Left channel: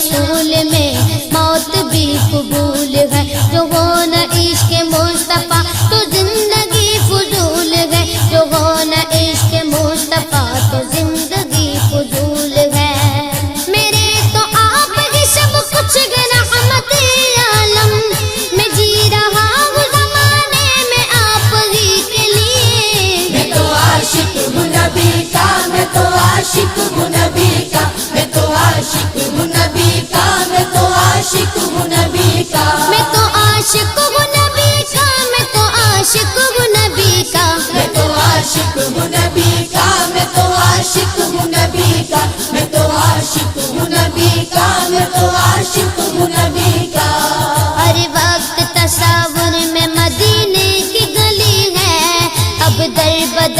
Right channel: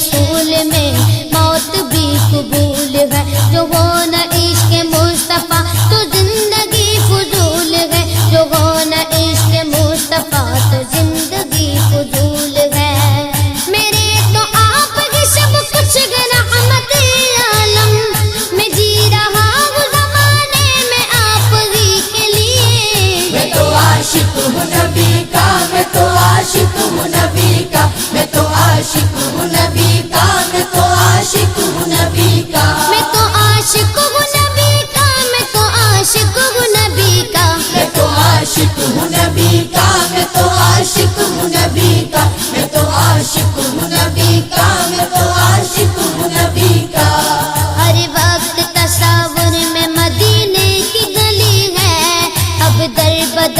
رسول میں موت بھی قبول ہے، جو ہو نہ عشق مصطفیٰ تو زندگی فضول ہے، جو ہو نہ عشق مصطفیٰ تو زندگی فضول ہے۔ میرے تو آپ ہی سب کچھ گے رحمت عالم، میں جی رہا ہوں زمانے میں آپ ہی کے لیے۔ میں تو عاشق ہوں نبی کا، میں تو عاشق ہوں نبی کا، میں تو عاشق ہوں نبی کا، میں تو عاشق ہوں نبی کا، میں تو عاشق ہوں نبی کا، میں تو عاشق ہوں نبی کا، میں تو عاشق ہوں نبی کا، میں تو عاشق ہوں نبی کا، میں تو عاشق ہوں نبی کا، میں تو عاشق ہوں نبی کا۔ ہر وقت تصور میں مدینے کی گلی ہے، اب در بدر